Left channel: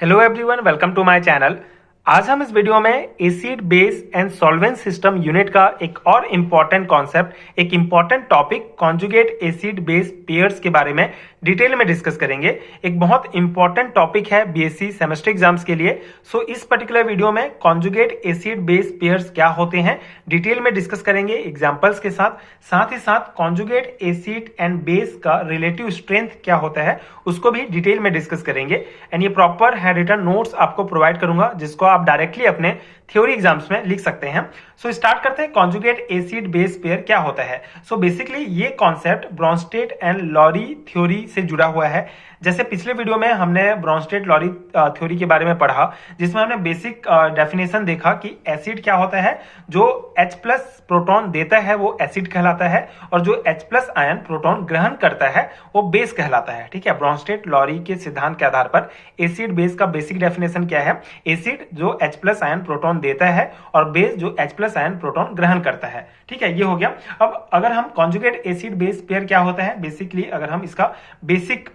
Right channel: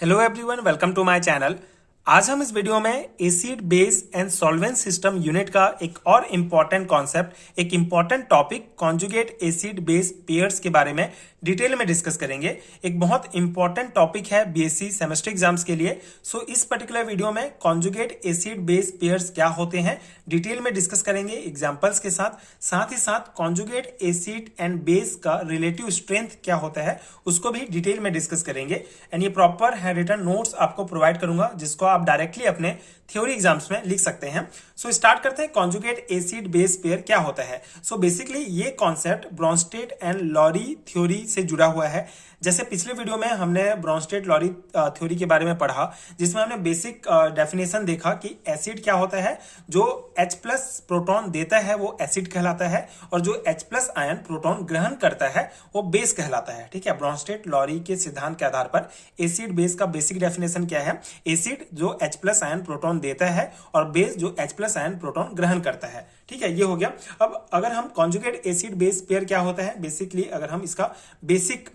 Hello everyone, welcome to my channel. आज हम इस वीडियो में acid base and solvent system unit का एक और इम्पॉर्टेंट कॉन्सेप्ट, एक important topic conjugate acid base pairs के बारे में डिटेल में डिस्कस करेंगे। एक बहुत इंपॉर्टेंट टॉपिक है बीएससी सेमेस्टर एग्जाम्स के लिए। सो इस पर्टिकुलर वीडियो में कॉन्जुगेट एसिड बेस पेयर्स क्या होते हैं डिटेल में डिस्कस करेंगे एग्जाम्पल्स के साथ ही साथ कॉन्जुगेट एसिड एंड बेस का रिलेटिव स्ट्रेंथ क्या होता है उसको भी डिटेल में डिस्कस करेंगे। एंड ये प्रॉपर है रिटन नोट्स आपको प्रोवाइड करूंगा जिसको आप डायरेक्टली अपने थ्योरी एग्जाम्स में लिख सकते हैं। सो स्टार्ट करते हैं, कॉन्जुगेट एसिड बेस पेयर क्या होता है। सो बेसिकली ये concept Bronsted and Lowry theory से जुड़ा हुआ है। जैसे पिछले वीडियो में हमने ब्रॉन्स्टेड लॉरी थ्योरी के बारे में पढ़ा जिसमें हमने बेसिक डेफिनेशन देखा कि एसिड क्या होता है। जो H प्लस प्रोटॉन देता है वो एसिड कहलाता है और जो H प्लस आयन प्रोटॉन ग्रहण करता है वो बेस कहलाता है। ठीक है, ब्रॉन्स्टेड लॉरी के सिद्धांत के आधार पर एसिड बेस का बेसिक डेफिनेशन क्या है। एसिड जो H प्लस आयन प्रोटॉन देता है और बेस जो H प्लस आयन प्रोटॉन ग्रहण करता है। ठीक है, ये हो गया। अब अगर हम कॉन्जुगेट एसिड बेस पेयर क्या होता है, बेसिकली अगर हम इसका बेसिक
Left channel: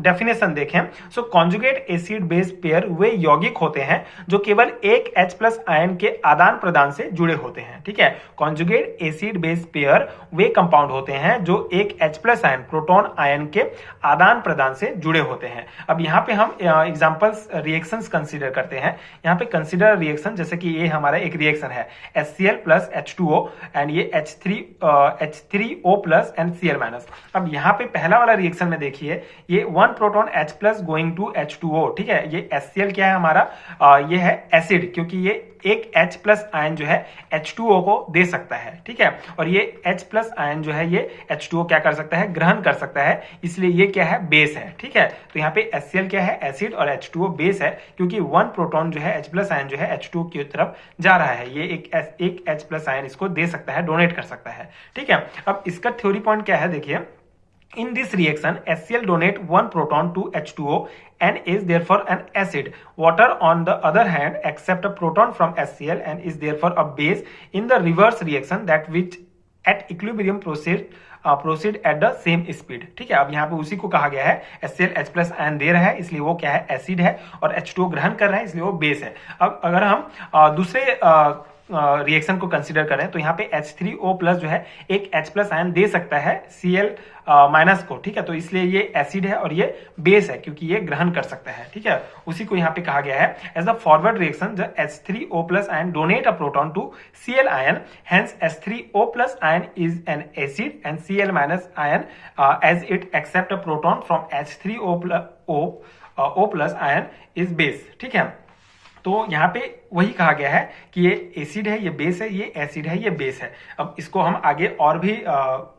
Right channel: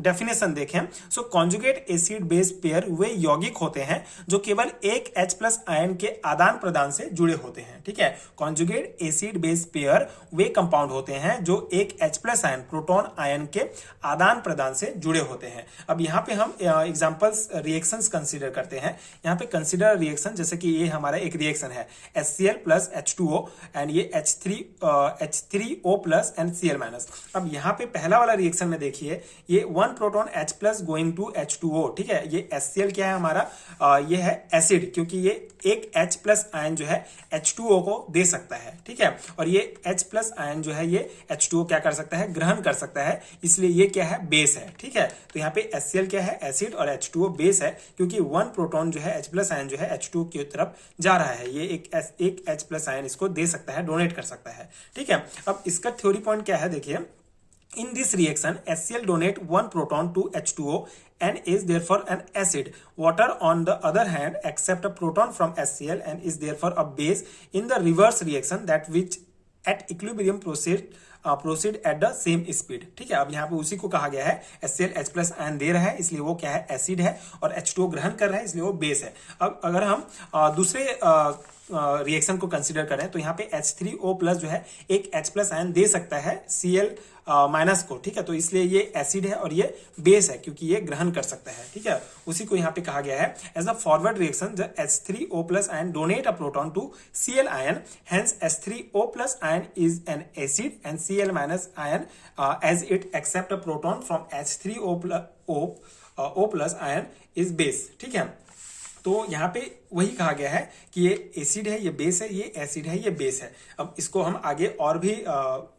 डेफिनेशन देखें, सो कॉन्जुगेट एसिड बेस पेयर वे यौगिक होते हैं जो केवल एक H प्लस आयन के आदान प्रदान से जुड़े होते हैं। ठीक है, कॉन्जुगेट एसिड बेस पेयर वे कंपाउंड होते हैं जो एक H plus ion proton ion के आदान प्रदान से जुड़े होते हैं। अब यहाँ पे हम एग्जांपल्स रिएक्शंस कंसीडर करते हैं। यहाँ पे कंसीडर रिएक्शन, जैसे कि ये हमारा एक रिएक्शन है HCl प्लस H2O एंड ये H3O plus and Cl minus. अब यहाँ पे पहला वाला रिएक्शन में देखिए, ये one proton H plus going to H2O। ठीक है, ये HCl क्या है हमारा, ये है एसिड, क्योंकि ये एक H प्लस आयन जो है H2O को दे सकता है। ठीक है, और ये H प्लस आयन जो है ये H2O क्या कर सकता है, ग्रहण कर सकता है, इसलिए ये क्या है, बेस है। ठीक है, तो यहाँ पे HCl क्या है, एसिड, और H2O बेस है, क्योंकि वन प्रोटॉन जो है H प्लस आयन जो है H2O की तरफ जा रहा है, ये एक H प्लस आयन इसको दे सकता है, डोनेट कर सकता है। ठीक है, अब इसका थ्योरी पॉइंट क्या है, देखिए, in this reaction HCl donate one proton to H2O and is therefore an acid. Water on the other hand accept a proton from HCl and is therefore a base in the reverse reaction that which at equilibrium proceed at the same speed. ठीक है, अब यहाँ पे उसी को कहा गया है, HCl H प्लस आयन दे रहा है इसलिए वो क्या है, एसिड है, और H2O ग्रहण कर रहा है इसलिए वो बेस है। अब अगर हम दूसरे रिएक्शन को कंसीडर करें तो यहाँ पे H3O प्लस जो है एक H प्लस आयन दे सकता है Cl माइनस को। ठीक है, तो इसलिए ये एसिड है और ये बेस है क्योंकि ये ग्रहण कर सकता है। ठीक है, उसी को यहाँ पे कहा गया है as a forward reaction the H3O plus ion donate a proton to Cl ion, hence H3O plus ion is an acid and Cl minus ion as it accept a proton from H3O plus ion is base. ठीक है, तो यहाँ पे वही कहा गया है कि ये एसिड है, ये बेस है, ये एसिड है, ये बेस है। अब इसको हम आगे और भी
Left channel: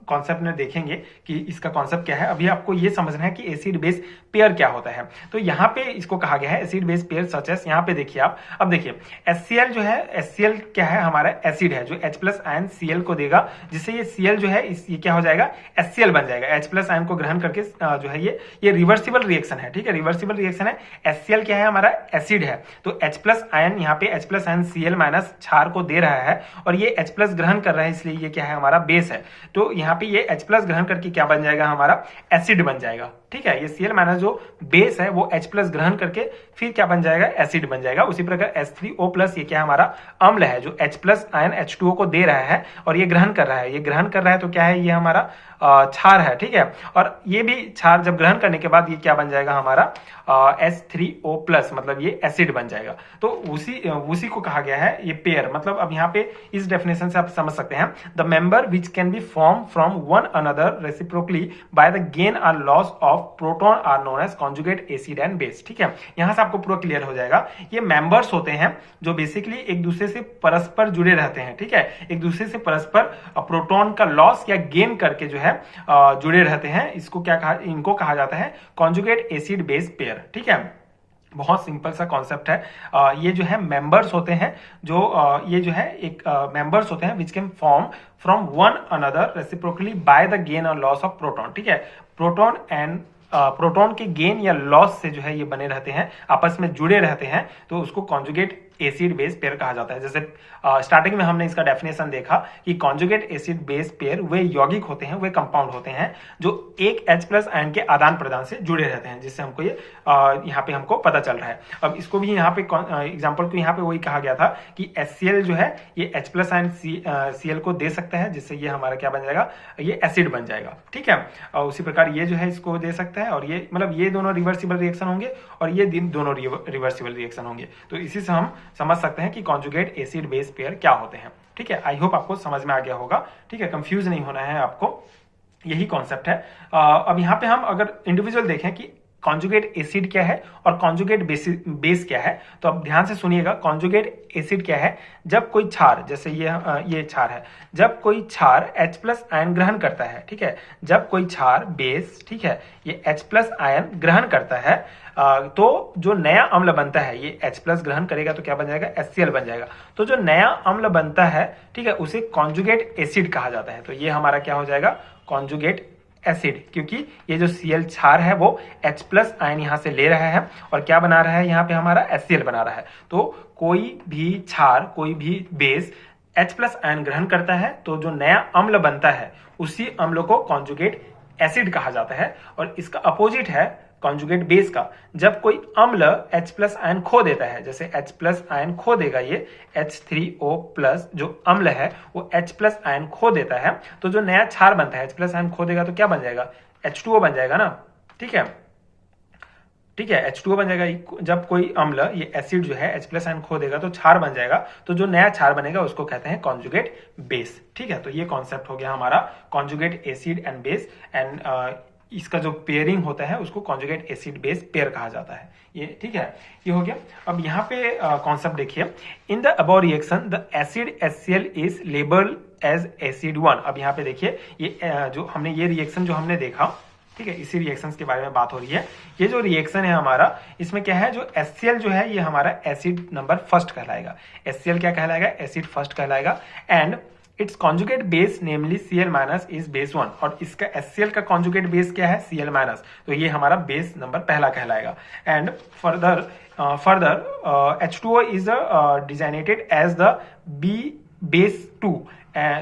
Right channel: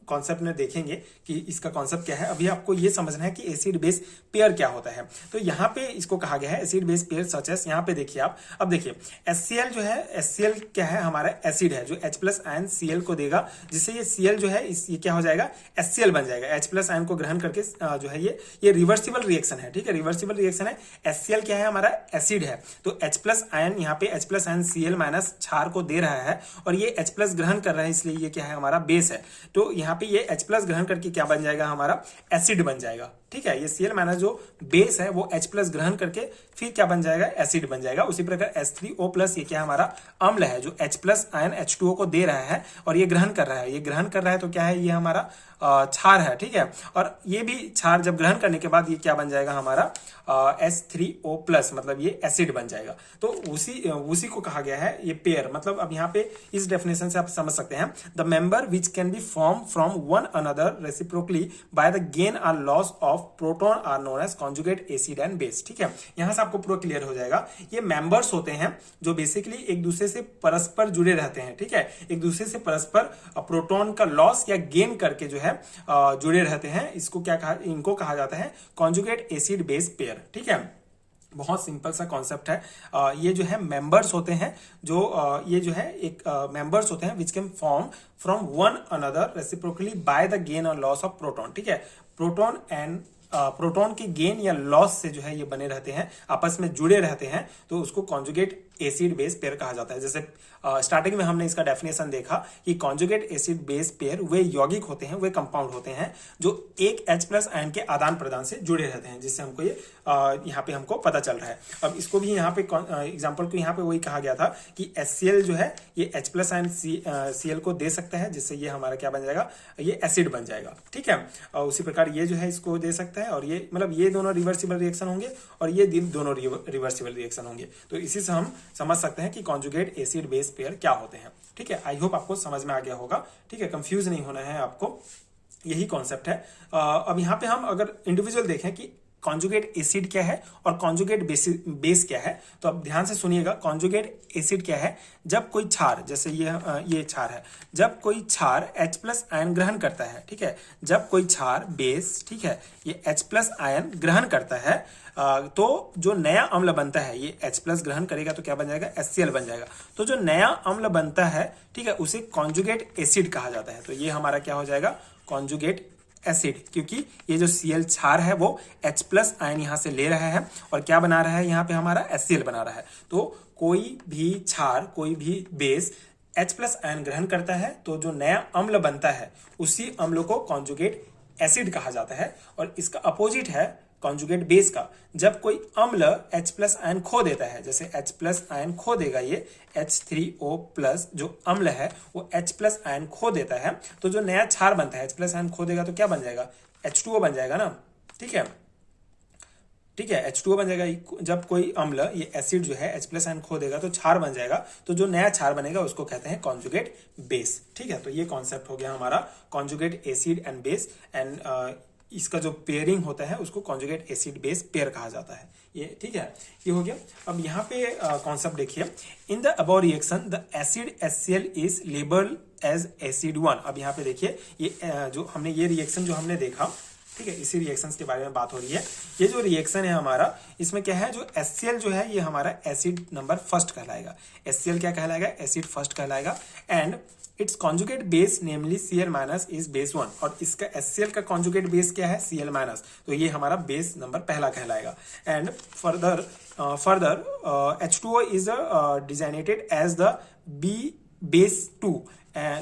कॉन्सेप्ट में देखेंगे कि इसका कॉन्सेप्ट क्या है। अभी आपको ये समझना है कि एसिड बेस पेयर क्या होता है। तो यहाँ पे इसको कहा गया है acid base pair such as, यहाँ पे देखिए आप, अब देखिए HCl जो है, HCl क्या है हमारा, एसिड है जो H प्लस आयन Cl को देगा, जिससे ये Cl जो है ये क्या हो जाएगा, HCl बन जाएगा। H प्लस आयन को ग्रहण करके जो है ये रिवर्सिबल रिएक्शन है। ठीक है, रिवर्सिबल रिएक्शन है। HCl क्या है हमारा, एसिड है, तो H प्लस आयन यहाँ पे H plus ion Cl minus क्षार को दे रहा है और ये H प्लस ग्रहण कर रहा है, इसलिए ये क्या है हमारा, बेस है। तो यहाँ पे ये H प्लस ग्रहण करके क्या बन जाएगा हमारा, एसिड बन जाएगा। ठीक है, ये Cl माइनस जो बेस है वो H प्लस ग्रहण करके फिर क्या बन जाएगा, एसिड बन जाएगा। उसी प्रकार H3O प्लस ये क्या हमारा अम्ल है जो H प्लस आयन H2O को दे रहा है और ये ग्रहण कर रहा है, ये ग्रहण कर रहा है तो क्या है, ये हमारा क्षार है। ठीक है, और ये भी क्षार जब ग्रहण करने के बाद ये क्या बन जाएगा हमारा, H3O प्लस, मतलब ये एसिड बन जाएगा। तो उसी को कहा गया है ये पेयर। मतलब अब यहाँ पे इस डेफिनेशन से आप समझ सकते हैं, the member which can be form from one another reciprocally by the gain or loss of proton are known as conjugate acid and base. ठीक है, यहाँ से आपको पूरा क्लियर हो जाएगा। ये मेंबर्स होते हैं जो बेसिकली एक दूसरे से परस्पर जुड़े रहते हैं। ठीक है, एक दूसरे से परस्पर प्रोटॉन का लॉस या गेन करके जो है जुड़े रहते हैं, इसको क्या कहा, इनको कहा जाता है कॉन्जुगेट एसिड बेस पेयर। ठीक है, बहुत सिंपल सा कॉन्सेप्ट है। ये जो है मेंबर्स होते हैं जो ये जो है एक मेंबर्स होते हैं which can form from one another reciprocally by the gain or loss of proton. ठीक है, प्रोटॉन के गेन या लॉस से जो है ये बने रहते हैं, आपस में जुड़े रहते हैं, तो उसको कॉन्जुगेट एसिड बेस पेयर कहा जाता है। जैसे स्टार्टिंग में हमने इसका डेफिनेशन देखा कि कॉन्जुगेट एसिड बेस पेयर वे यौगिक होते हैं, वे कंपाउंड होते हैं जो एक H प्लस आयन के आदान प्रदान से जुड़े रहते हैं, जिससे हमको ये यहाँ पे हमको पता चल रहा है। अब इसको भी यहाँ पे एग्जाम्पल को यहाँ पे वही कहा गया था कि HCl जो है ये H प्लस आयन Cl को दे सकता है, जिससे ये हमारा क्या बन जाएगा, ये एसिड बन जाएगा। ठीक है, और उसी प्रकार ये जो है इसको दे सकता है, और ये मतलब ये दोनों रिवर्सिबल रिएक्शन होंगे और ये दोनों रिवर्सिबल रिएक्शन होंगे। तो इसी से हम समझ सकते हैं कि कॉन्जुगेट एसिड बेस पेयर क्या होते हैं। ठीक है, आई होप आपको समझ में आ गया होगा। ठीक है, कंफ्यूज नहीं होना है आपको, यही कॉन्सेप्ट है। अब यहाँ पे हम अगर इंडिविजुअल देखें कि कॉन्जुगेट एसिड क्या है और कॉन्जुगेट बेस क्या है, तो अब ध्यान से सुनिएगा। कॉन्जुगेट एसिड क्या है, जब कोई क्षार, जैसे ये क्षार है, जब कोई क्षार H प्लस आयन ग्रहण करता है, ठीक है, जब कोई क्षार बेस, ठीक है, ये H प्लस आयन ग्रहण करता है, तो जो नया अम्ल बनता है ये H प्लस ग्रहण करेगा तो क्या बन जाएगा, HCl बन जाएगा। तो जो नया अम्ल बनता है, ठीक है, उसे कॉन्जुगेट एसिड कहा जाता है। तो ये हमारा क्या हो जाएगा, कॉन्जुगेट एसिड, क्योंकि ये जो Cl क्षार है वो H प्लस आयन यहां से ले रहा है और क्या बना रहा है, यहाँ पे हमारा HCl बना रहा है। तो कोई भी क्षार, कोई भी बेस H प्लस आयन ग्रहण करता है तो जो नया अम्ल बनता है उसी अम्ल को कॉन्जुगेट एसिड कहा जाता है। और इसका अपोजिट है कॉन्जुगेट बेस का, जब कोई अम्ल H प्लस आयन खो देता है, जैसे H प्लस आयन खो देगा, ये H3O प्लस जो अम्ल है वो H प्लस आयन खो देता है, तो जो नया क्षार बनता है H प्लस आयन खो देगा तो क्या बन जाएगा, H2O बन जाएगा ना। ठीक है, ठीक है, H2O बन जाएगा। जब कोई अम्ल, ये एसिड जो है H प्लस आयन खो देगा तो क्षार बन जाएगा, तो जो नया क्षार बनेगा उसको कहते हैं कॉन्जुगेट बेस। ठीक है, तो ये कॉन्सेप्ट हो गया हमारा conjugate acid and base, and इसका जो पेयरिंग होता है उसको कॉन्जुगेट एसिड बेस पेयर कहा जाता है। ये ठीक है, ये हो गया। अब यहाँ पे कॉन्सेप्ट देखिए, in the above reaction the acid HCl is labelled as acid 1। अब यहाँ पे देखिए, ये जो हमने ये रिएक्शन जो हमने देखा, ठीक है, इसी रिएक्शंस के बारे में बात हो रही है। ये जो रिएक्शन है हमारा, इसमें क्या है, जो HCl जो है ये हमारा एसिड नंबर फर्स्ट कहलाएगा। HCl क्या कहलाएगा, एसिड फर्स्ट कहलाएगा। And it's conjugate base namely Cl minus is base 1, और इसका HCl का कॉन्जुगेट बेस क्या है, Cl माइनस, तो ये हमारा बेस नंबर पहला कहलाएगा। And further H2O is designated as the B base 2।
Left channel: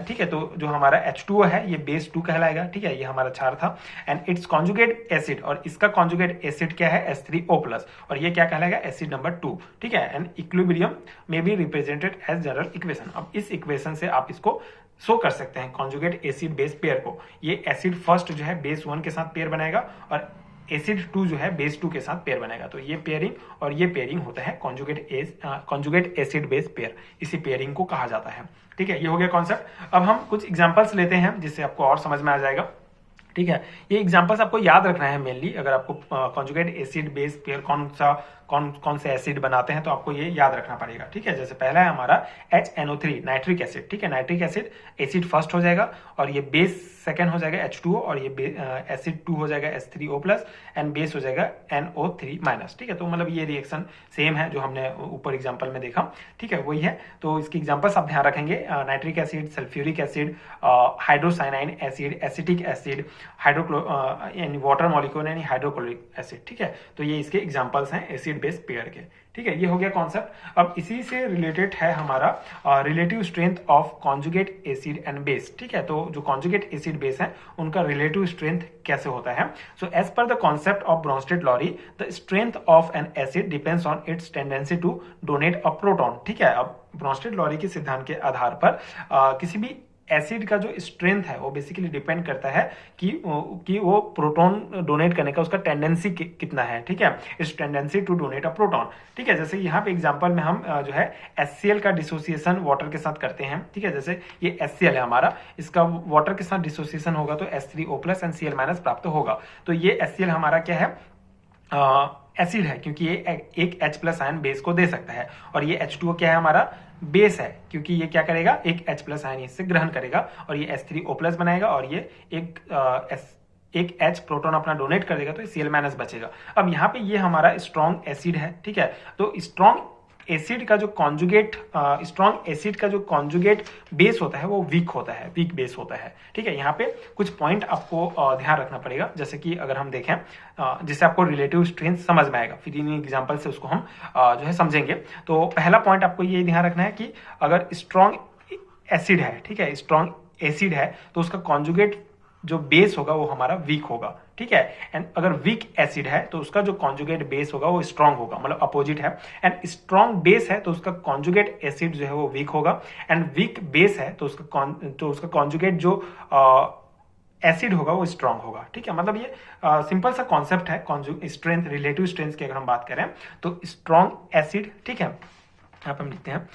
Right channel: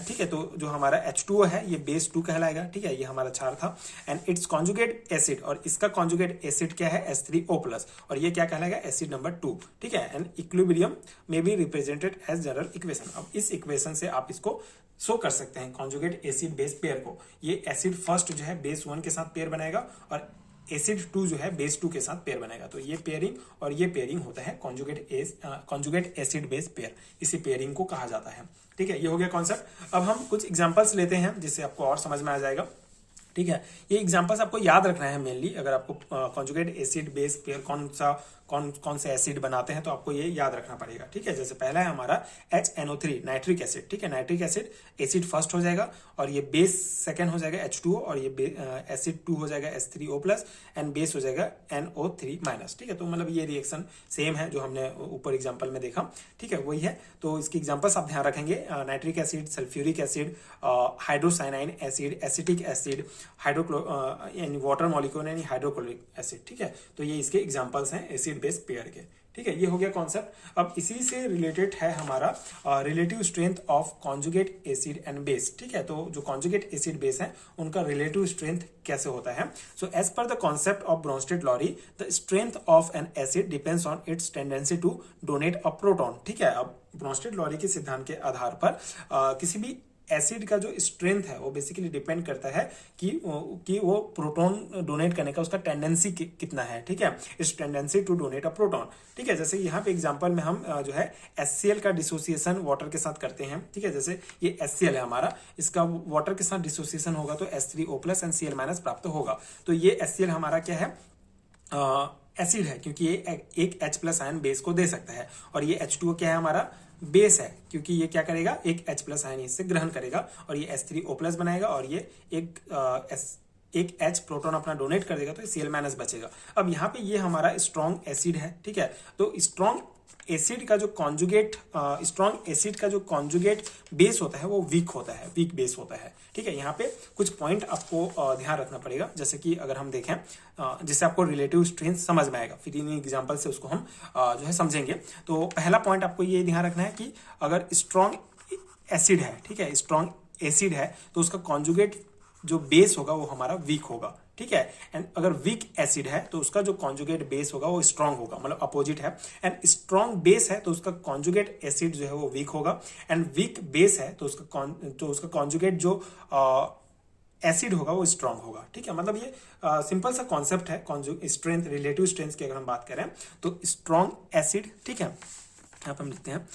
ठीक है, तो जो हमारा H2O है ये बेस 2 कहलाएगा। ठीक है, ये हमारा क्षार था। एंड इट्स कॉन्जुगेट एसिड, और इसका कॉन्जुगेट एसिड क्या है, H3O प्लस, और ये क्या कहलाएगा, एसिड नंबर 2। ठीक है, एंड इक्विलिब्रियम में be represented as general equation. अब इस इक्वेशन से आप इसको शो कर सकते हैं कॉन्जुगेट एसिड बेस पेयर को। ये एसिड फर्स्ट जो है बेस 1 के साथ पेयर बनाएगा और एसिड 2 जो है बेस 2 के साथ पेयर बनेगा। तो ये पेयरिंग और ये पेयरिंग होता है कॉन्जुगेट एसिड बेस पेयर, इसी पेयरिंग को कहा जाता है। ठीक है, ये हो गया कॉन्सेप्ट। अब हम कुछ एग्जांपल्स लेते हैं जिससे आपको और समझ में आ जाएगा। ठीक है, ये एग्जांपल्स आपको याद रखना है मेनली। अगर आपको कॉन्जुगेट एसिड बेस पेयर कौन से एसिड बनाते हैं तो आपको ये याद रखना पड़ेगा। ठीक है, जैसे पहला है हमारा HNO3 नाइट्रिक एसिड। ठीक है, नाइट्रिक एसिड फर्स्ट हो जाएगा और ये बेस सेकंड हो जाएगा H2O, और ये एसिड 2 हो जाएगा H3O प्लस, एंड बेस हो जाएगा NO3 माइनस। ठीक है, तो मतलब ये रिएक्शन सेम है जो हमने ऊपर एग्जाम्पल में देखा। ठीक है, वही है। तो इसकी एग्जाम्पल्स आप ध्यान रखेंगे, nitric acid, sulphuric acid, hydrocyanic acid, acetic acid, यानी वाटर मॉलिक्यूल यानी हाइड्रोक्लोरिक एसिड। ठीक है, तो ये इसके एग्जांपल्स हैं एसिड बेस पेयर के। ठीक है, ये हो गया कॉन्सेप्ट। अब इसी से रिलेटेड है हमारा relative strength of conjugate acid and base. ठीक है, तो जो कॉन्जुगेट एसिड बेस है उनका रिलेटिव स्ट्रेंथ कैसे होता है। So as per the concept of Bronsted Lowry the strength of an acid depends on its tendency to donate a proton. ठीक है, अब ब्रोंस्टेड-लॉरी के सिद्धांत के आधार पर किसी भी एसिड का जो स्ट्रेंथ है वो बेसिकली डिपेंड करता है कि वो प्रोटॉन डोनेट करने का उसका टेंडेंसी कितना है। ठीक है, इस tendency to donate a proton. ठीक है, जैसे यहाँ पे एग्जांपल में हम जो है HCl का डिसोसिएशन वाटर के साथ करते हैं। ठीक है, जैसे ये HCl है हमारा, इसका वाटर के साथ डिसोसिएशन होगा तो H3O plus and Cl minus प्राप्त होगा। तो ये HCl हमारा क्या है, एसिड है, क्योंकि ये एक H प्लस आयन बेस को दे सकता है। और ये H2O क्या है, हमारा बेस है, क्योंकि ये क्या करेगा, एक H प्लस आयन इससे ग्रहण करेगा और ये H3O प्लस बनाएगा, और ये एक H प्रोटॉन अपना डोनेट कर देगा तो Cl माइनस बचेगा। अब यहाँ पे ये हमारा स्ट्रॉन्ग एसिड है। ठीक है, तो स्ट्रॉन्ग एसिड का जो कॉन्जुगेट बेस होता है वो वीक होता है, वीक बेस होता है। ठीक है, यहाँ पे कुछ पॉइंट आपको ध्यान रखना पड़ेगा, जैसे कि अगर हम देखें जिससे आपको रिलेटिव स्ट्रेंथ समझ में आएगा, फिर इन एग्जांपल से उसको हम जो है समझेंगे। तो पहला पॉइंट आपको ये ध्यान रखना है कि अगर स्ट्रॉन्ग एसिड है, ठीक है, स्ट्रॉन्ग एसिड है तो उसका कॉन्जुगेट जो बेस होगा वो हमारा वीक होगा। ठीक है। एंड अगर वीक एसिड है तो उसका जो कॉन्जुगेट बेस होगा वो स्ट्रांग होगा, मतलब अपोजिट है। एंड स्ट्रांग बेस है तो उसका कॉन्जुगेट एसिड जो है वो वीक होगा। एंड वीक बेस है तो उसका कॉन्जुगेट जो एसिड होगा वो स्ट्रांग होगा, ठीक है। मतलब ये सिंपल सा कॉन्सेप्ट है स्ट्रेंथ, रिलेटिव स्ट्रेंथ की अगर हम बात करें तो स्ट्रांग एसिड, ठीक है, यहाँ पे हम लिखते हैं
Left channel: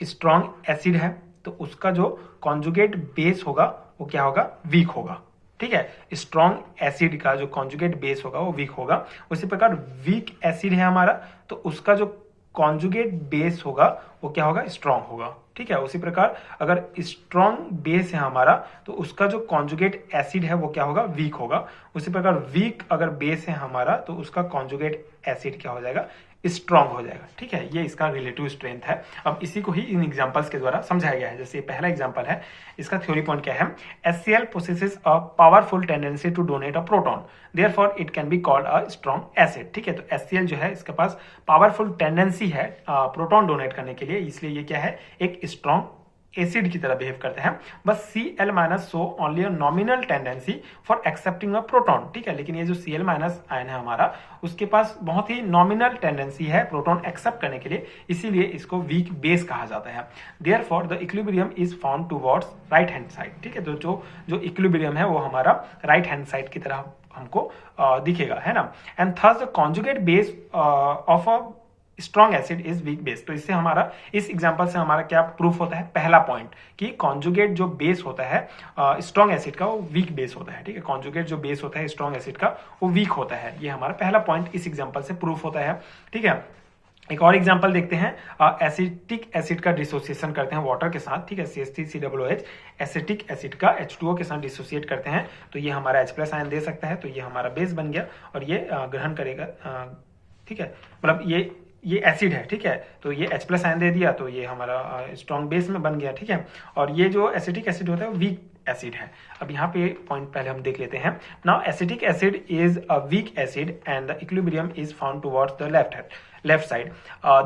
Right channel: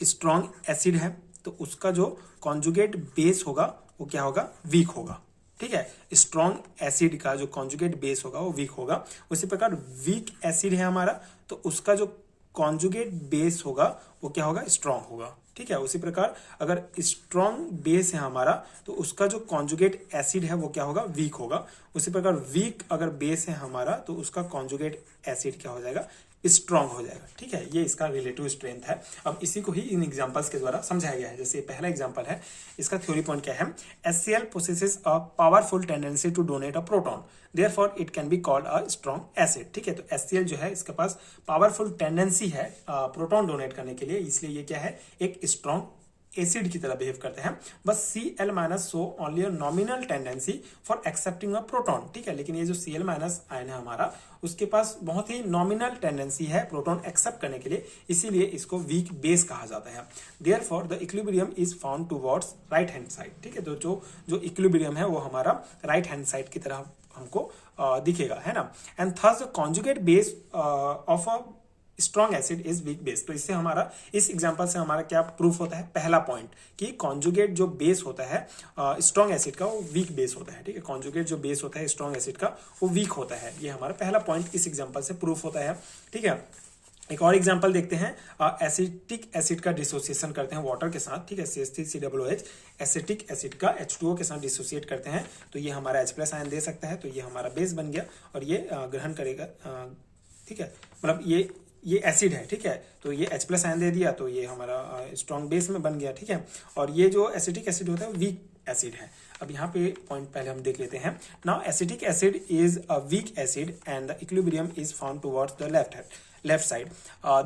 स्ट्रांग एसिड है तो उसका जो कॉन्जुगेट बेस होगा वो क्या होगा, वीक होगा, ठीक है। स्ट्रांग एसिड का जो कॉन्जुगेट बेस होगा वो वीक होगा। उसी प्रकार वीक एसिड है हमारा तो उसका जो कॉन्जुगेट बेस होगा वो क्या होगा, स्ट्रांग होगा, ठीक है। उसी प्रकार अगर स्ट्रांग बेस है हमारा तो उसका जो कॉन्जुगेट एसिड है वो क्या होगा, वीक होगा। उसी प्रकार वीक अगर बेस है हमारा तो उसका कॉन्जुगेट एसिड क्या हो जाएगा, स्ट्रांग हो जाएगा, ठीक है। ये इसका रिलेटिव स्ट्रेंथ है। अब इसी को ही इन एग्जांपल्स के द्वारा समझाया गया है। जैसे पहला एग्जांपल है, इसका थ्योरी पॉइंट क्या है, HCl possesses a powerful tendency to donate a proton, therefore it can be called a strong acid, ठीक है। तो HCl जो है इसके पास पावरफुल टेंडेंसी है प्रोटॉन डोनेट करने के लिए, इसलिए ये क्या है, एक स्ट्रांग एसिड की तरह बिहेव करते हैं। बस Cl minus show only a nominal tendency for accepting a proton, ठीक है। लेकिन ये जो Cl माइनस आयन है हमारा उसके पास बहुत ही नॉमिनल टेंडेंसी है प्रोटॉन एक्सेप्ट करने के लिए, इसीलिए इसको वीक बेस कहा जाता है। Therefore the equilibrium is found towards right hand side, ठीक है। तो जो इक्विलिब्रियम है वो हमारा राइट हैंड साइड की तरह हमको दिखेगा, है ना। And thus the conjugate base of a strong acid is weak base. तो इससे हमारा, इस एग्जांपल से हमारा क्या प्रूफ होता है, पहला पॉइंट कि कॉन्जुगेट जो बेस होता है स्ट्रॉन्ग एसिड का वो वीक बेस होता है, ठीक है। कॉन्जुगेट जो बेस होता है स्ट्रॉन्ग एसिड का वो वीक होता है, ये हमारा पहला पॉइंट इस एग्जांपल से प्रूफ होता है, ठीक है। एक और एग्जांपल देखते हैं, एसिटिक एसिड का डिसोसिएशन करते हैं वाटर के साथ, ठीक है, CH3COOH एसिटिक एसिड का H2O के साथ डिसोसिएट करते हैं तो ये हमारा H+ आयन दे सकता है, तो ये हमारा बेस बन गया और ये ग्रहण करेगा, ठीक है। मतलब ये एसिड है, ठीक है, तो ये H+ आयन दे दिया तो ये हमारा स्ट्रॉन्ग बेस में बन गया, ठीक है। और ये जो एसिटिक एसिड होता है वीक एसिड है। अब यहाँ पे पॉइंट पहले हम देख लेते हैं। Now acetic acid is a weak acid and the equilibrium is found towards the left side.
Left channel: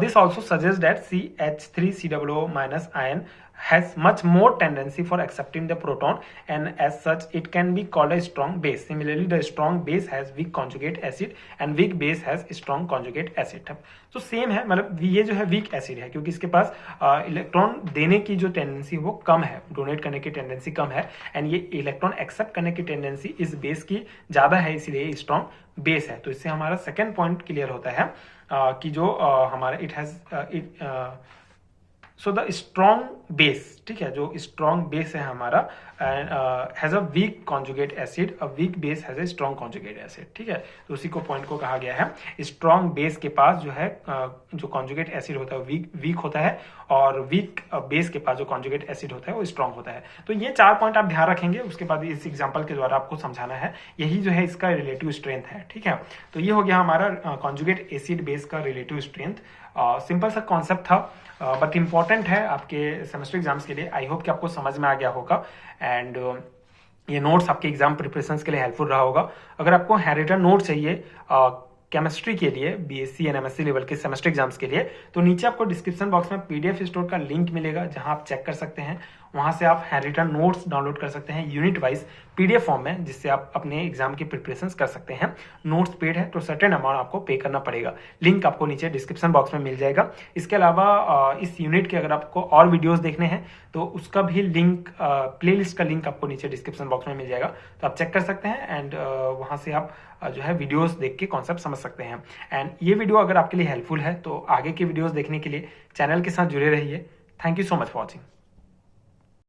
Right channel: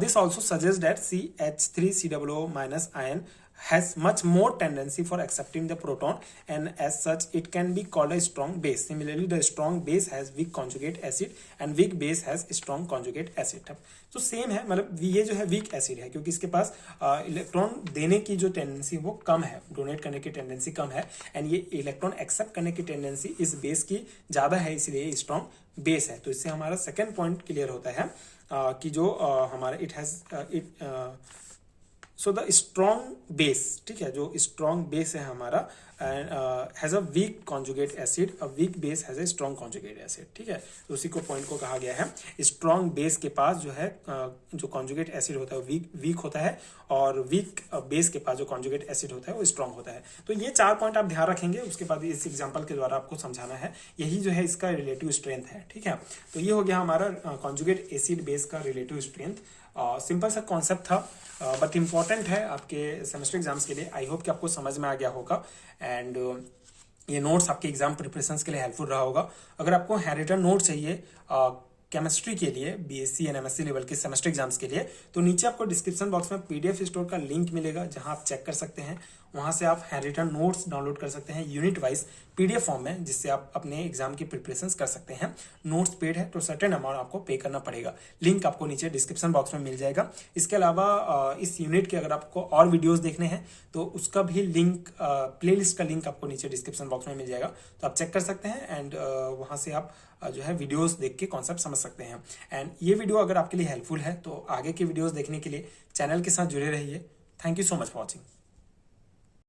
This also suggests that CH3COO minus ion has much more tendency for accepting the proton and as such it can be called a strong base. Similarly, the strong base has weak conjugate acid and weak base has strong conjugate acid. तो same है, मतलब ये जो है weak acid है क्योंकि इसके पास electron देने की जो टेंडेंसी वो कम है, डोनेट करने की टेंडेंसी कम है, एंड ये इलेक्ट्रॉन एक्सेप्ट करने की टेंडेंसी इस बेस की ज्यादा है, इसलिए स्ट्रॉन्ग बेस है। तो इससे हमारा सेकेंड पॉइंट क्लियर होता है कि जो हमारा सो द स्ट्रॉन्ग बेस, ठीक है, जो स्ट्रॉन्ग बेस है हमारा has a weak conjugate acid, a weak base has a strong conjugate acid, ठीक है। तो उसी को पॉइंट को कहा गया है स्ट्रॉन्ग बेस के पास जो है जो कॉन्जुगेट एसिड होता है वीक होता है और वीक बेस के पास जो कॉन्जुगेट एसिड होता है वो स्ट्रॉन्ग होता है। तो ये 4 पॉइंट आप ध्यान रखेंगे, उसके बाद इस एग्जाम्पल के द्वारा आपको समझाना है, यही जो है इसका रिलेटिव स्ट्रेंथ है, ठीक है। तो ये हो गया हमारा कॉन्जुगेट एसिड बेस का रिलेटिव स्ट्रेंथ। सिंपल सा कॉन्सेप्ट था बट इंपॉर्टेंट है आपके सेमेस्टर एग्जाम्स के लिए। आई होप कि आपको समझ में आ गया होगा एंड ये नोट्स आपके एग्जाम प्रिपरेशंस के लिए हेल्पफुल रहा होगा। अगर आपको हैंडरिटन नोट चाहिए केमिस्ट्री के लिए BSc एंड MSc लेवल के सेमेस्टर एग्जाम्स के लिए, तो नीचे आपको डिस्क्रिप्शन बॉक्स में PDF स्टोर का लिंक मिलेगा जहां आप चेक कर सकते हैं, वहां से आप हैंडरिटन नोट्स डाउनलोड कर सकते हैं यूनिट वाइज PDF फॉर्म में, जिससे आप अपने एग्जाम की प्रिपरेशंस कर सकते हैं। नोट्स पेड है तो सर्टेन अमाउंट आपको पे करना पड़ेगा, लिंक आपको नीचे डिस्क्रिप्शन बॉक्स में मिल जाएगा। इसके अलावा इस यूनिट के अगर आपको और वीडियोस देखने हैं तो उसका भी लिंक, प्लेलिस्ट का लिंक आपको नीचे डिस्क्रिप्शन बॉक्स में मिल जाएगा, तो आप चेक कर सकते हैं एंड वहां से आप जो है वीडियोस देख के कॉन्सेप्ट समझ सकते हैं। एंड ये वीडियो अगर आपके लिए हेल्पफुल है तो आगे की वीडियोस देखने के लिए चैनल के साथ जुड़े रहिए। Thank you so much for watching.